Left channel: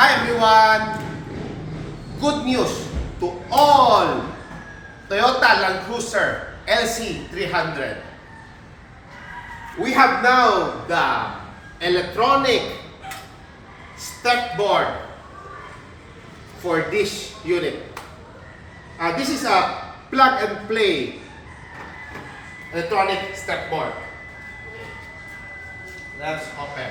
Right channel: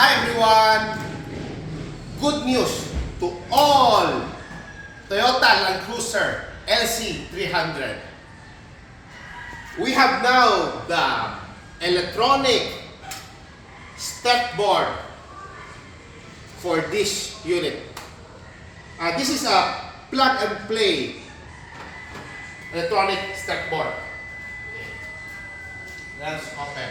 Hi everyone! Good news to all Toyota Land Cruiser LC300. We have now the electronic step board for this unit. This is a plug and play electronic step board. Let's open.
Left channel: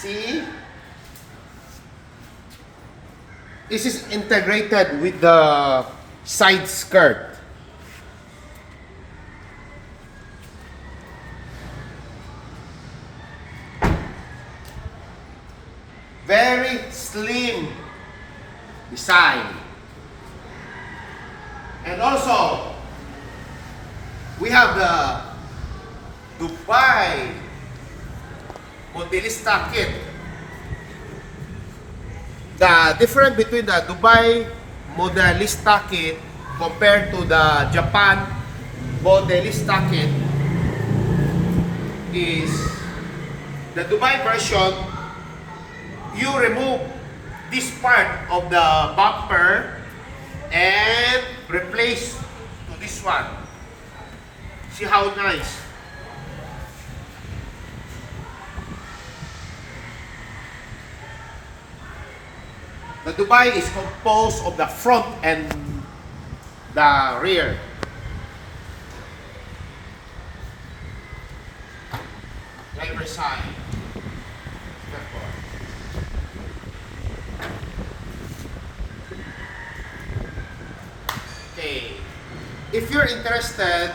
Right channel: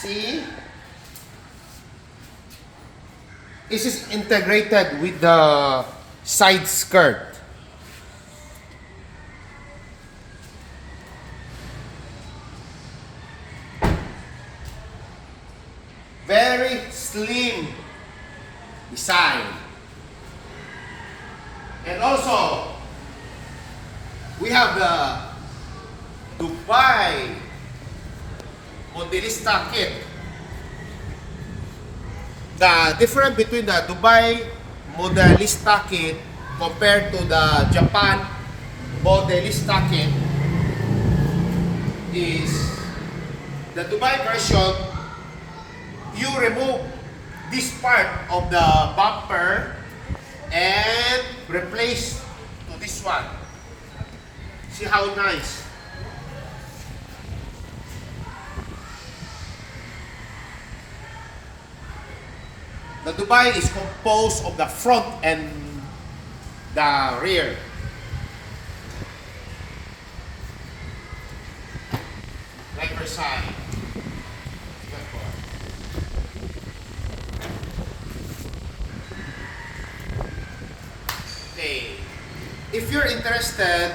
See, this is integrated with the side skirt. Very slim design. And also, we have the Dubai MODELLISTA kit. The difference between the Dubai MODELLISTA kit compared to the Japan MODELLISTA kit is the Dubai version, you remove this part of the bumper and replace to this one. See how nice. The Dubai is composed of the front and the rear. Driver side. Okay. If you're interested,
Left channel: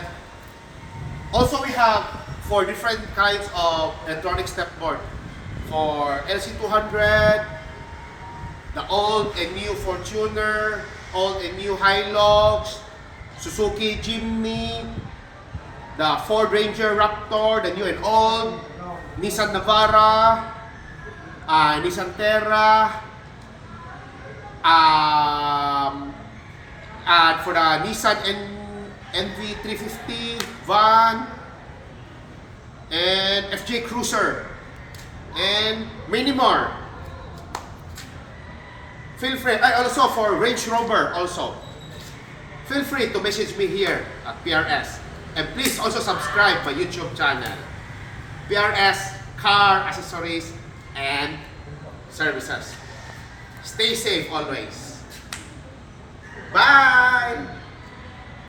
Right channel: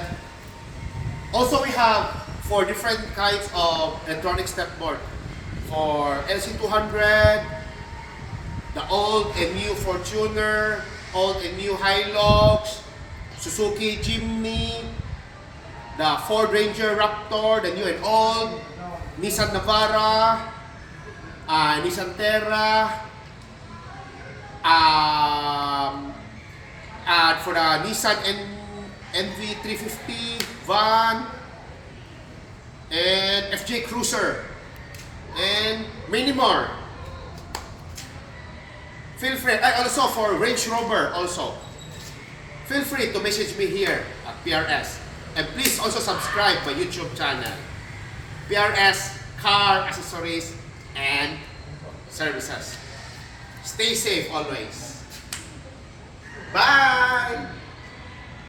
also we have 4 different kinds of electronic step board. For LC200, the old and new Fortuner, old and new Hilux, Suzuki Jimny, the Ford Ranger Raptor, the new and old, Nissan Navara, Nissan Terra, and for the Nissan NV350 van, and FJ Cruiser, and many more. Feel free, also for Range Rover also. Feel free to message me here at PRS. And please also subscribe my YouTube channel. PRS Car Accessories and Services. Stay safe always. Bye!